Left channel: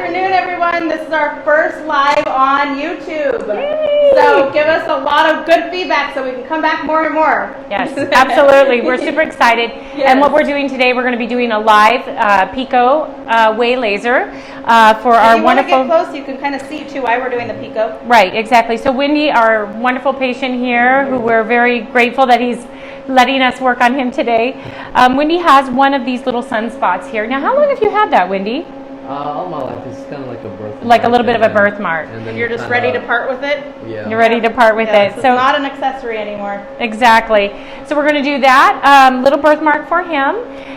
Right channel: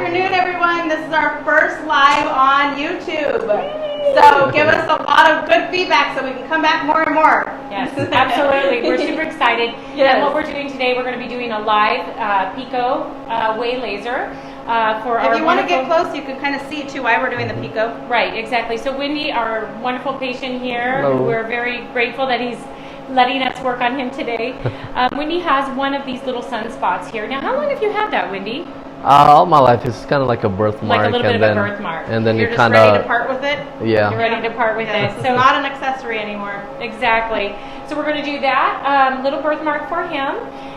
afternoon, everyone. This is our first live on YouTube. So give us a lot of good feedback so we can come back more and more. Yes, absolutely. We're super excited. Yes. And what we're doing today, we're going to be doing a live Pico Way laser for our wonderful... If you want to get close, you can kind of see too why we're doing the Pico. Right, exactly. So Wendy, our wonderful patient here, we're very grateful that he's letting us work on him today. Wendy has one of these little sunspots here. Now, how long have you had that, Wendy? All my life. It's kind of like a birthmark. Like a little bit of a birthmark. And then you're you just kind ready to of... part with it? Yeah. You're ready to part with it. It's not an accessory anymore. Exactly. So we're going to do that little birthmark for him.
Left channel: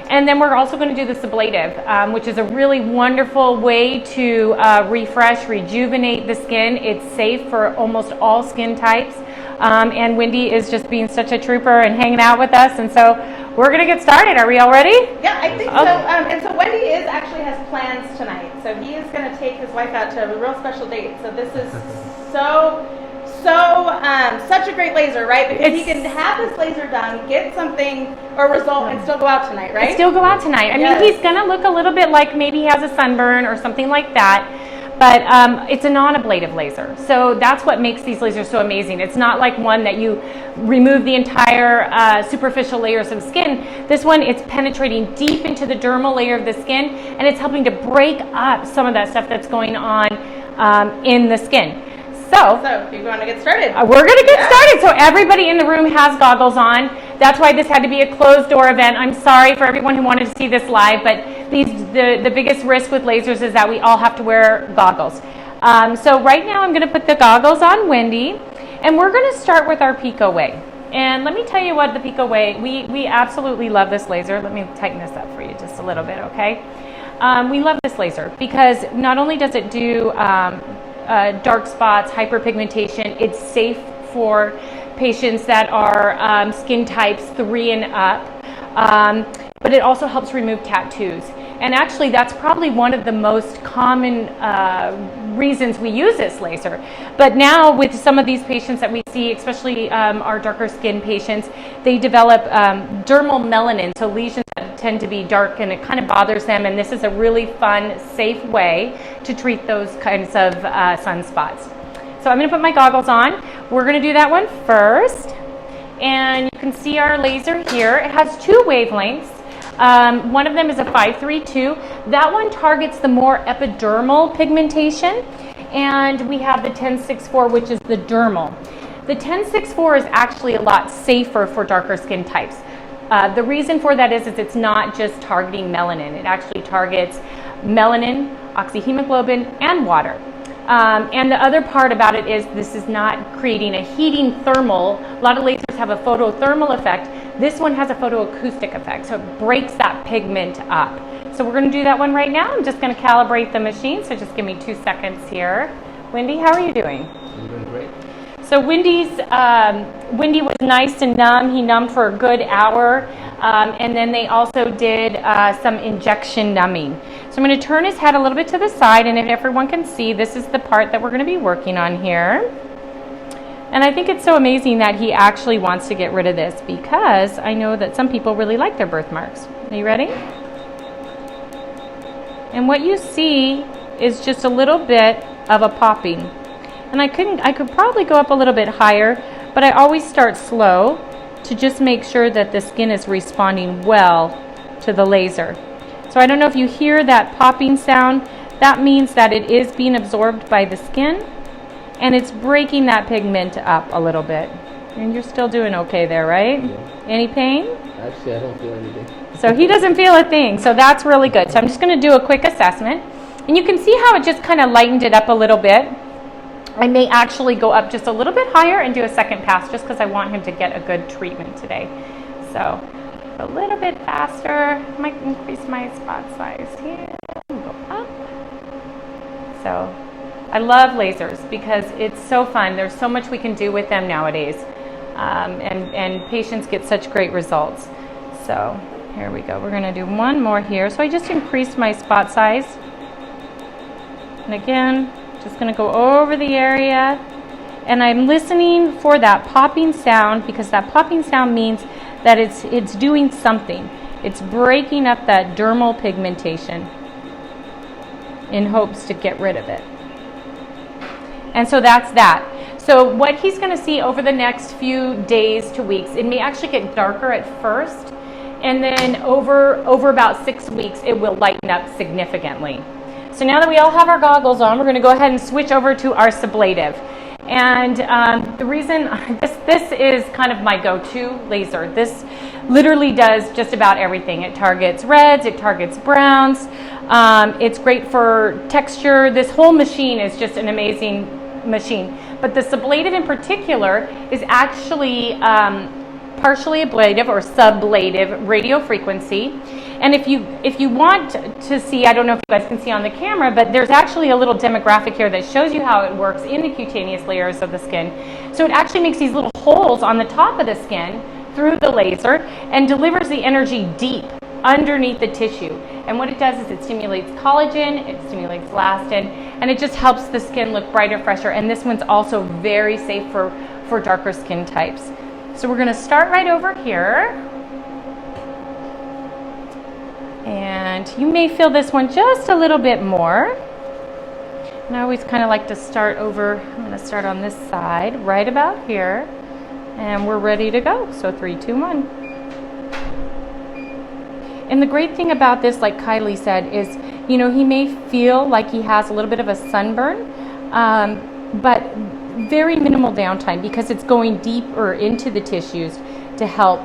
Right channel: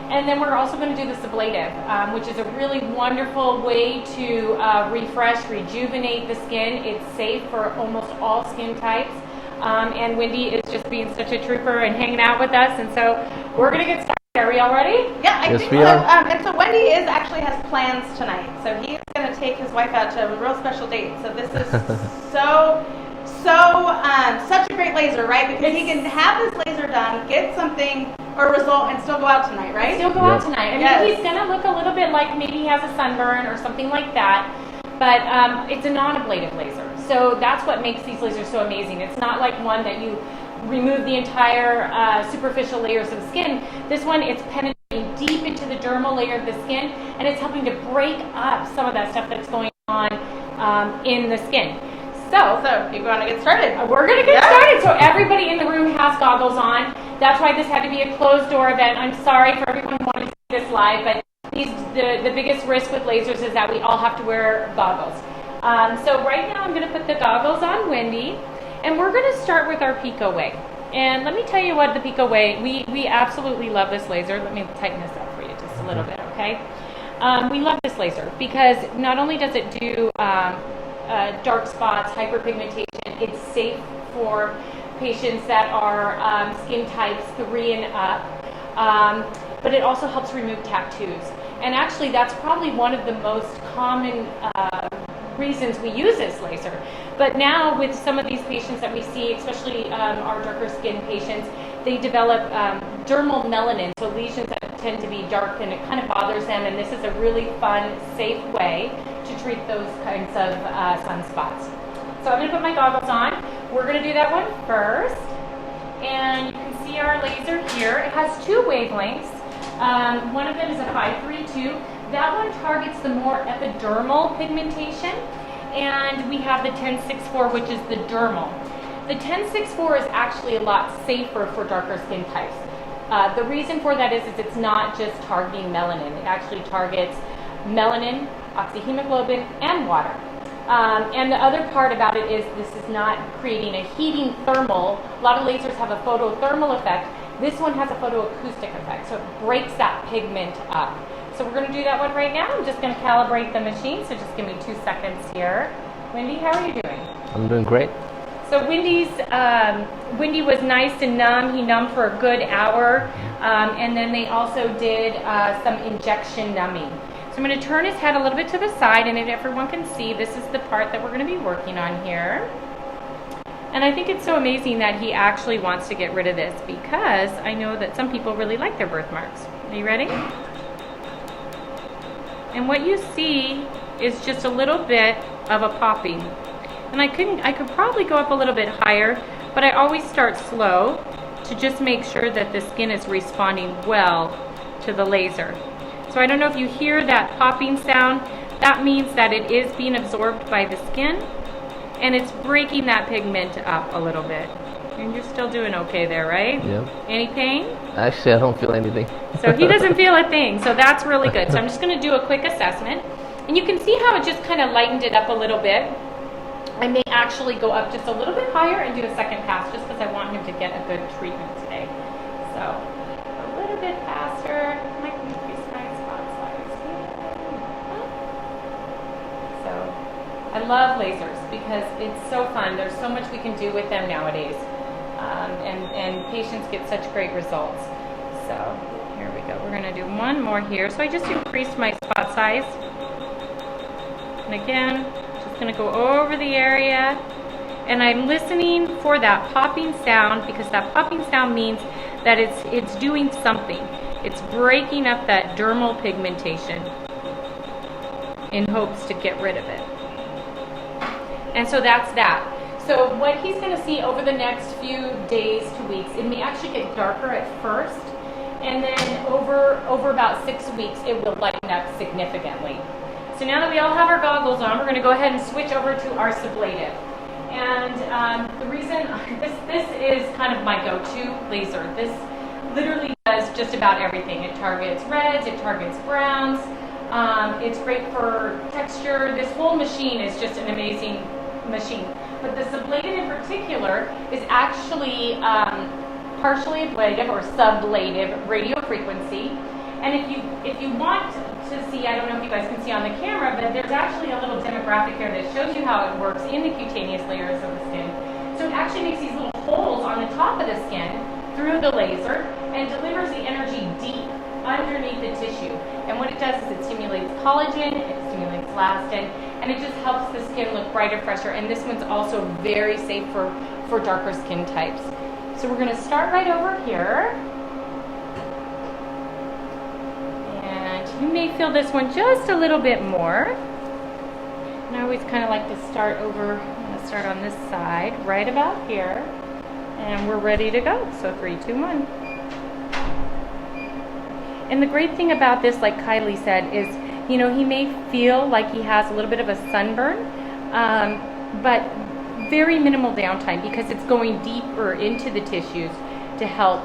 And then we're also going to do the Sublative, which is a really wonderful way to refresh, rejuvenate the skin. It's safe for almost all skin types. And Wendy is just being such a trooper and hanging out with us. And so we're going to get started. Are we all ready? Yeah, I think so. And so Wendy actually has plans tonight. So he is going to take his wife out to a real special date. So this is such a great laser, right? Because he can have his laser done, get something or result, and still go out tonight, right? Still go out tonight. I mean, he's going to look a little bit like maybe he has a sunburn or something like that. But it's a non-ablative laser. So that's what makes these lasers so amazing. It's not like one that you remove the entire superficial layers of skin. This one, it's penetrating deep into the dermal layer of the skin, and it's helping to break up some of that stuff that's going on in the skin. So you want to get started? We're going to get started. So everybody in the room has goggles on. That's why this had to be a closed door event. I'm sorry for everyone who wanted to see this live, but the biggest risk with lasers is that we all have to wear goggles. So right now I'm going to put the goggles on Wendy, and we're going to start with our Pico Way. And let me tell you what the Pico Way, we absolutely love this laser. Let me tighten this up for you just a little bit, okay? We love this laser because not only does it do dark spots, hyperpigmentation, it's safe for patients that are skin types 3 and up, but it also helps remove tattoos. And actually, that's probably one of the most common reasons we use this laser. But now with some of these patients that we see, especially our darker skin patients, they develop dermal melanin, so lesions that tend to be dark, and it kind of bothers them. And this is a really fun, safe way to treat those kinds of sunspots. So I'm going to put my goggles on. We're going to do that one first. And you can see our laser here. It has 2 wavelengths. One of them is a 532. That one targets the more epidermal pigmentation, and we have the 1064, which is the dermal. The 1064 is actually a lot safer for darker skin types. The reason for that is it's not just targeting melanin. It actually targets melanin, oxyhemoglobin, and water. And the other part about it is this is not creating a heating thermal. A lot of lasers have a photothermal effect. This one has a photoacoustic effect, so it breaks that pigment up. So we're going to do that one right now. I'm just going to calibrate the machine, so just give me 2 seconds here. Wendy, how are you doing? I'm doing great. So Wendy was nice and numb. He numbed for a good hour, and then they also did some injection numbing. So I'm going to turn his head a little bit to the side, and if everyone can see, this is the part that we're going to be working on here. And I think it's so amazing that he actually wants to get rid of this, because I know that some people really like their birthmarks. Are you ready? And what you see is just a little bit of a popping. And I could probably go up a little bit higher, but I always start slow to just make sure that the skin is responding well to the laser. So I don't know if you hear that popping sound. That means that it is being absorbed by the skin, and it's breaking that pigment up a little bit. And you're still doing okay there, right? Yeah. Any pain? Actually, I don't feel anything. So he doesn't feel a thing, so that's really good. So I'm just going to do a quick assessment. And you can see how it just kind of lightened it up a little bit. I may actually go up just a little bit higher and do a second pass, just because I want him to get a good treatment today. So a little bit faster. I might increase my spot size here. So I love lasers because it's so fun. There's so much we can do with them nowadays. And patients get such great results. So here we go. We're going to do one more here. So I just increased my spot size. And again, just going to go over the area. And I'm listening for that popping sound, because that popping sound means that it's doing something. It's breaking up that dermal pigmentation. in hopes to get rid of it. And so that's that. So what he's going to see over the next few days to weeks, it may actually get darker at first, and then over about 6 weeks, it will lighten up significantly. So now that we all have our goggles on, we're going to go ahead and switch over to our Sublative. And the reason, this is kind of my go-to laser. This literally does just about everything. It targets reds, it targets browns. It's great for texture. This whole machine is just an amazing machine. But the Sublative in particular is actually partially ablative or sublative radio frequency. And if you want to see, I don't know if you guys can see on the camera, but there's actually a little demographic here that shows you how it works in the cutaneous layers of the skin. So it actually makes these little holes on the top of the skin through the laser and delivers the energy deep underneath the tissue. And what it does is it stimulates collagen, it stimulates elastin, and it just helps the skin look brighter, fresher. And this one's also very safe for darker skin types. So we're gonna start right over here. And you may feel this one just a little bit more. And I always kind of like to start over, I'm gonna start on this side, right about here. And we're ready to go. So 3, 2, 1. And the great thing about this, like Kylie said, is, you know, he may feel like he has a little bit of a sunburn, but very minimal downtime because it's going deeper into the tissues to help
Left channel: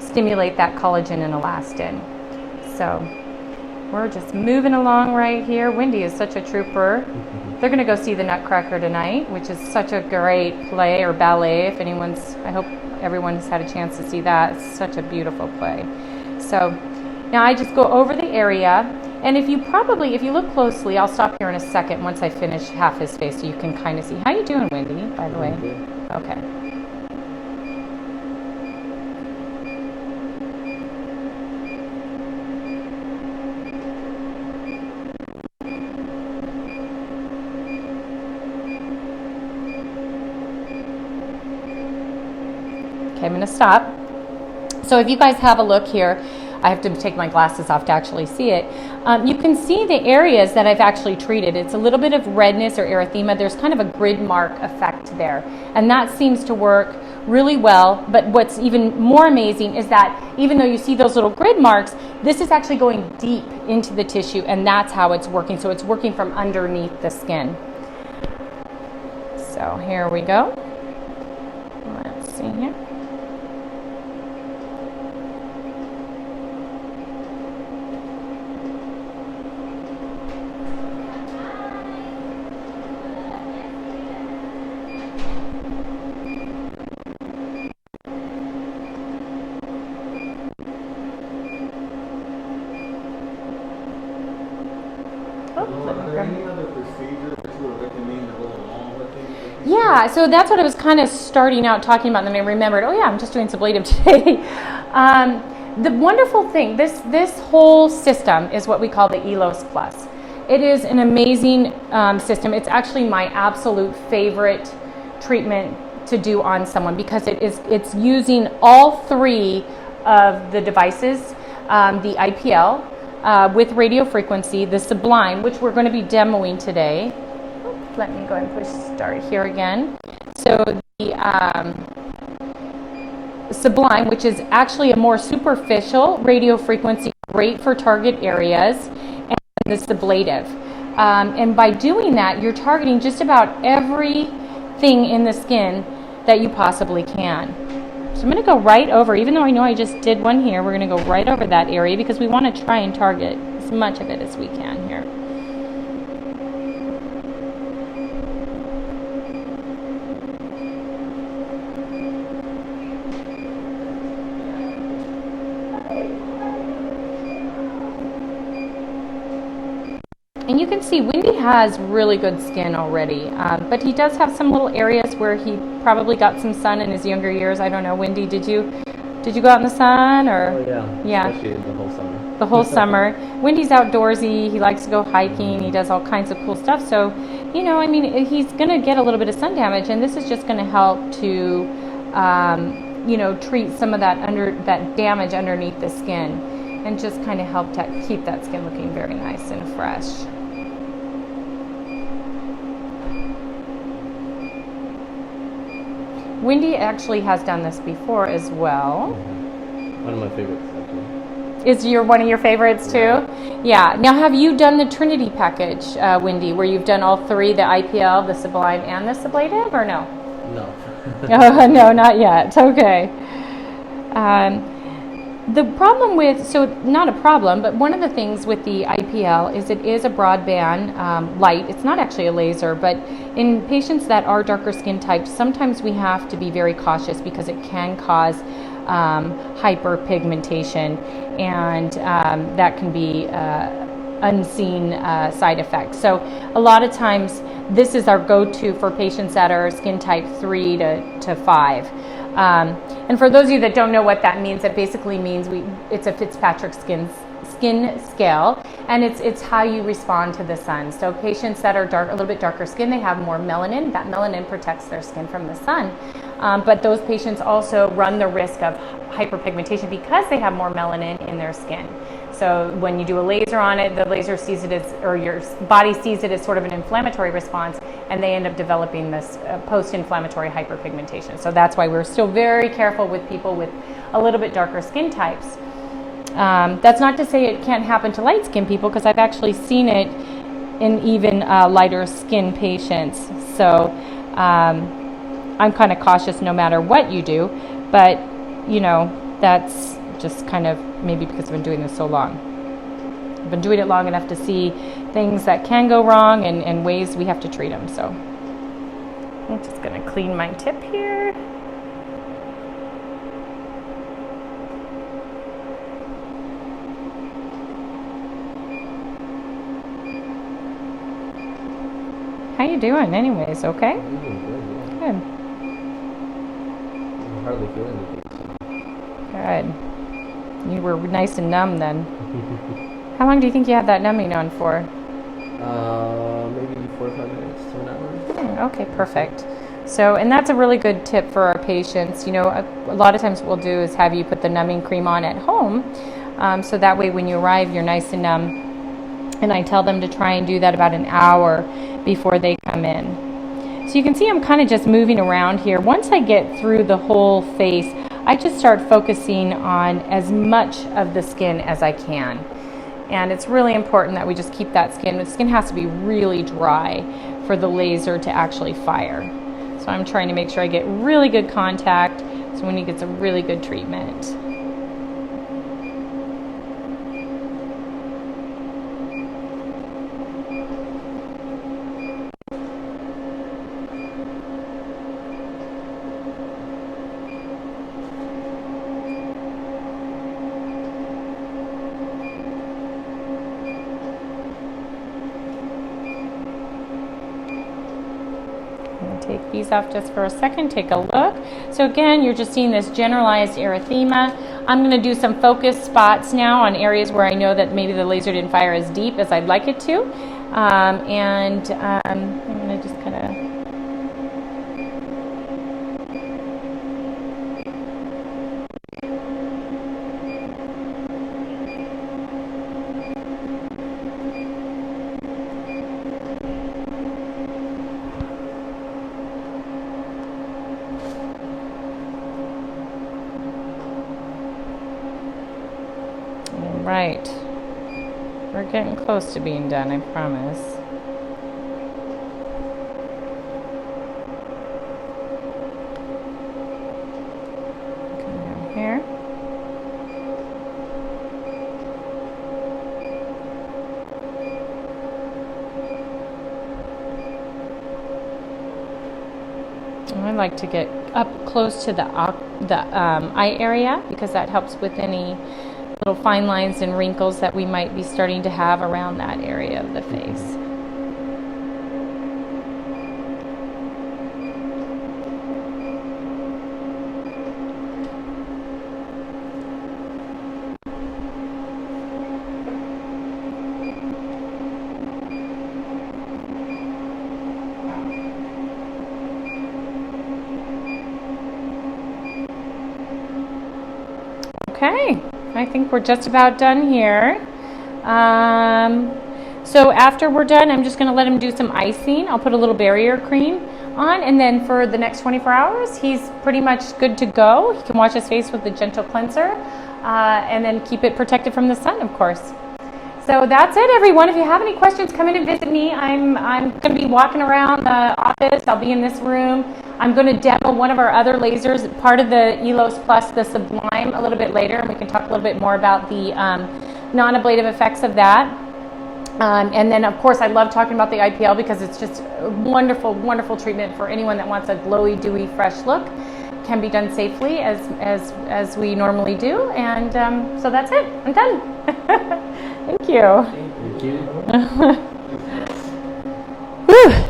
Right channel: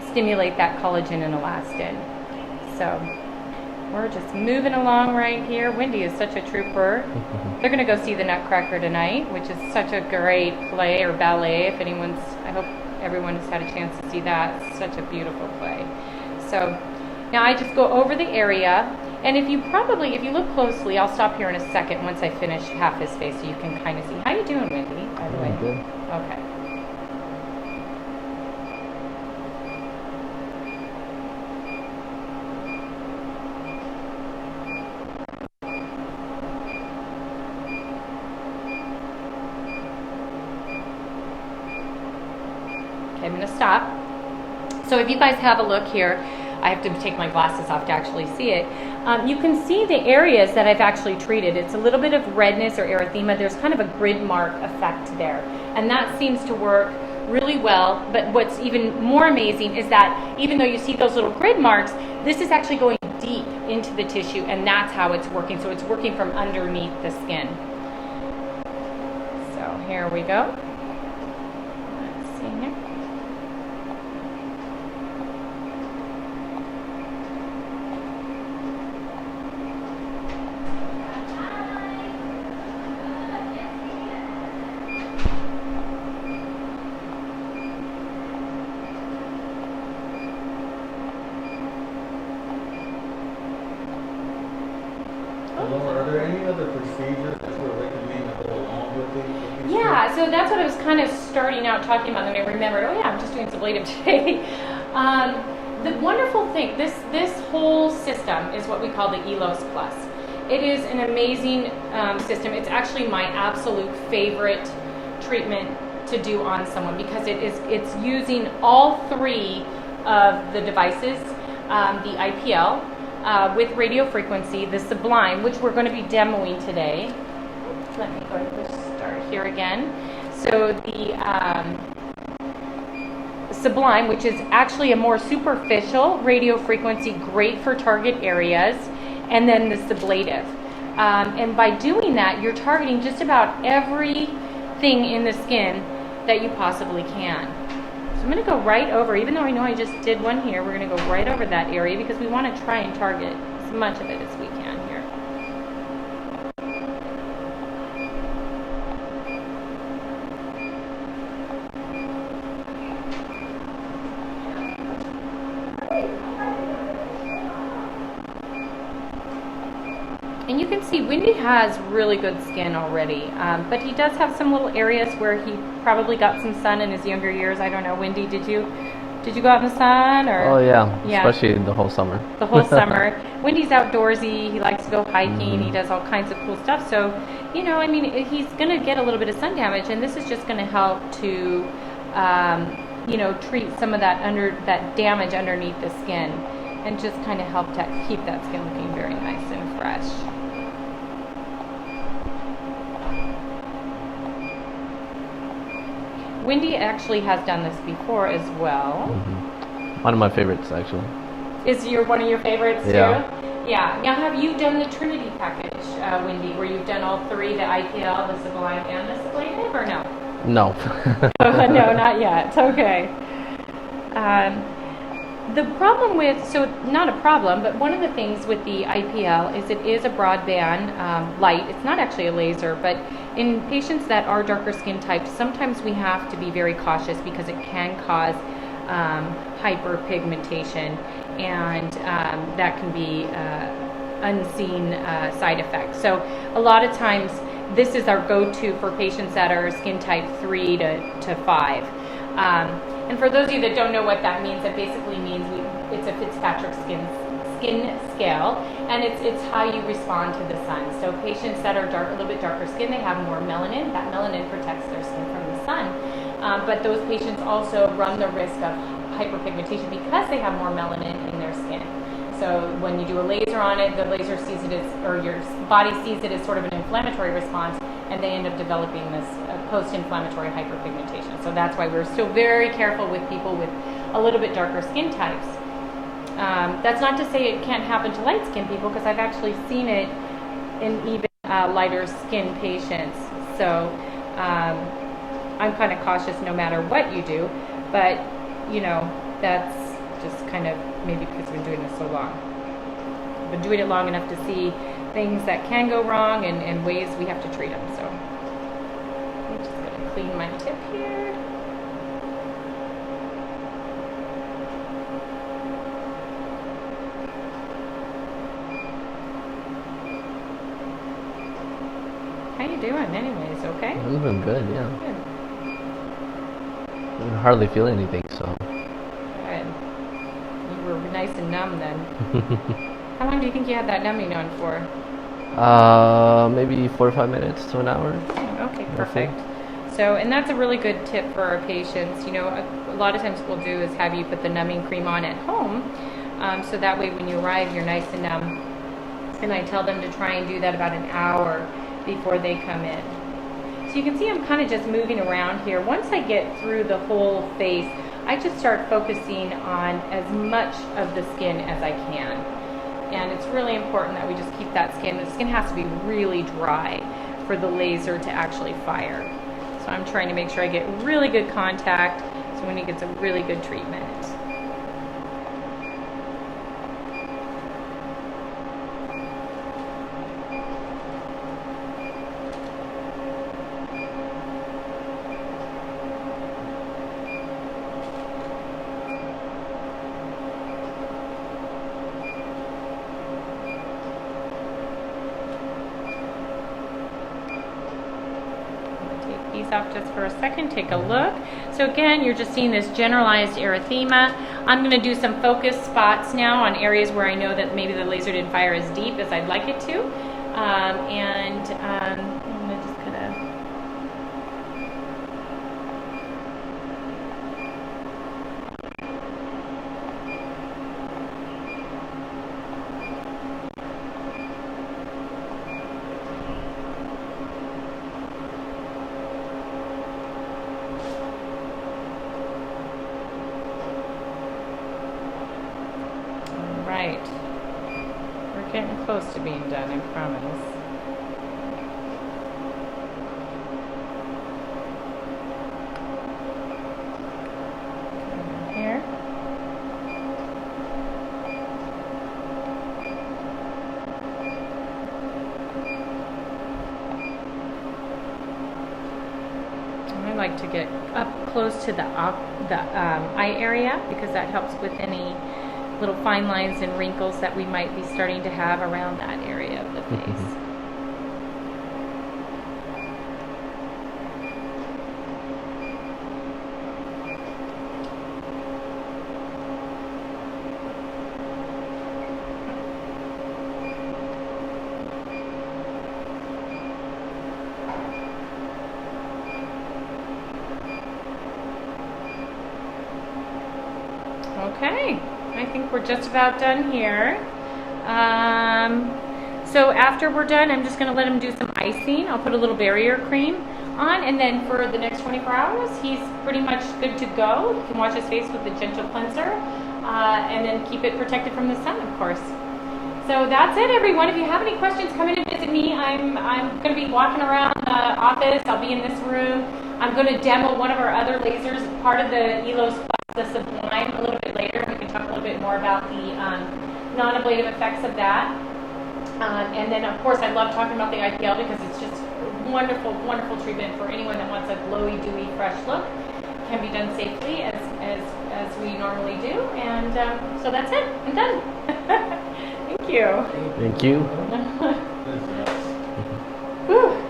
stimulate that collagen and elastin. So we're just moving along right here. Wendy is such a trooper. They're gonna go see the Nutcracker tonight, which is such a great play or ballet. If anyone's, I hope everyone's had a chance to see that. It's such a beautiful play. So now I just go over the area, and if you look closely, I'll stop here in a second once I finish half his face so you can kind of see. How you doing, Wendy, by the way? Good. Okay. Okay, I'm going to stop. So if you guys have a look here, I have to take my glasses off to actually see it. You can see the areas that I've actually treated. It's a little bit of redness or erythema. There's kind of a grid mark effect there. And that seems to work really well. But what's even more amazing is that even though you see those little grid marks, this is actually going deep into the tissue, and that's how it's working. So it's working from underneath the skin. So here we go. Let's see here. Are there any other procedures that you recommend to go along with it? Yeah, so that's what I was kind of starting out talking about, and then I remembered, oh yeah, I'm just doing Sublative today. The wonderful thing, this whole system is what we call the ELOS Plus. It is an amazing system. It's actually my absolute favorite treatment to do on someone because it's using all 3 of the devices, the IPL, with radio frequency, the Sublime, which we're going to be demoing today. Let me go and push start here again. So the Sublime, which is actually a more superficial radio frequency, great for target areas, and then the Sublative. And by doing that, you're targeting just about everything in the skin that you possibly can. So I'm going to go right over, even though I know I just did one here, we're going to go right over that area because we want to try and target as much of it as we can here. And you can see Wendy has really good skin already, but he does have some little areas where he probably got some sun in his younger years. I don't know, Wendy, did you go out in the sun? Or? Oh yeah, especially in the whole summer. The whole summer. Wendy's outdoorsy, he likes to go hiking, he does all kinds of cool stuff. So, you know, I mean, he's going to get a little bit of sun damage, and this is just going to help to, you know, treat some of that damage underneath the skin and just kind of help to keep that skin looking very nice and fresh. Wendy actually has done this before as well. One of my favorites, actually. Is one of your favorites too? Yeah. Now, have you done the Trinity package, Wendy, where you've done all three, the IPL, the Sublime, and the Sublative, or no? No. No, not yet. Okay. The problem with, so not a problem, but one of the things with the IPL is it is a broadband light. It's not actually a laser, but in patients that are darker skin types, sometimes we have to be very cautious because it can cause hyperpigmentation, and that can be unseen side effects. So a lot of times this is our go-to for patients that are skin type 3 to 5. And for those of you that don't know what that means, it basically means it's a Fitzpatrick skin scale, and it's how you respond to the sun. So patients that are a little bit darker skin, they have more melanin. That melanin protects their skin from the sun. But those patients also run the risk of hyperpigmentation because they have more melanin in their skin. So when you do a laser on it, the laser sees it as, or your body sees it as sort of an inflammatory response, and they end up developing this post-inflammatory hyperpigmentation. So that's why we're still very careful with people with a little bit darker skin types. That's not to say it can't happen to light skin people, because I've actually seen it in even lighter skin patients. So I'm kind of cautious no matter what you do, but you know, that's just kind of maybe because I've been doing this so long. I've been doing it long enough to see things that can go wrong and ways we have to treat them. So I'm just going to clean my tip here. How you doing anyways, okay? I'm doing good, yeah. Good. I hardly feel anything, so. Good. You were nice and numb then. How long do you think you had that numbing on for? Maybe 45 minutes to an hour. Okay, perfect. So, and that's a really good tip for our patients. You know, a lot of times what we'll do is have you put the numbing cream on at home, so that way when you arrive, you're nice and numb. And I tell them to try and do that about an hour before they come in. So you can see I'm kind of just moving around here. Once I get through the whole face, I just start focusing on as much of the skin as I can. And it's really important that we just keep that skin. The skin has to be really dry for the laser to actually fire. So I'm trying to make sure I get really good contact so when he gets a really good treatment. These off just for a second, take a look. So again, you're just seeing this generalized erythema. I'm going to do some focus spots now on areas where I know that maybe the laser didn't fire as deep as I'd like it to. I'm going to just kind of right. We're getting close to being done, I promise. Come in here. I like to get up close to the eye area because that helps with any little fine lines and wrinkles that we might be starting to have around that area of the face. Okay. I think we're just about done here. So after we're done, I'm just going to let him do some icing. I'll put a little barrier cream on, and then for the next 24 hours, he's pretty much good to go. He can wash his face with a gentle cleanser, and then keep it protected from the sun, of course. So that's it, everyone. If you have any questions, come in and visit me. I'm going to be walking around the office. I'll be in this room. I'm going to demo one of our other lasers, part of the Elos Plus, the Sublime, a little bit later. We can talk a little bit more about the non-ablative effects of that. And then, of course, I love talking about the IPL because it's just a wonderful, wonderful treatment for anyone that wants a glowy, dewy, fresh look. Can be done safely as we normally do. And so that's it. I'm done. Thank you. Thank you. Whew.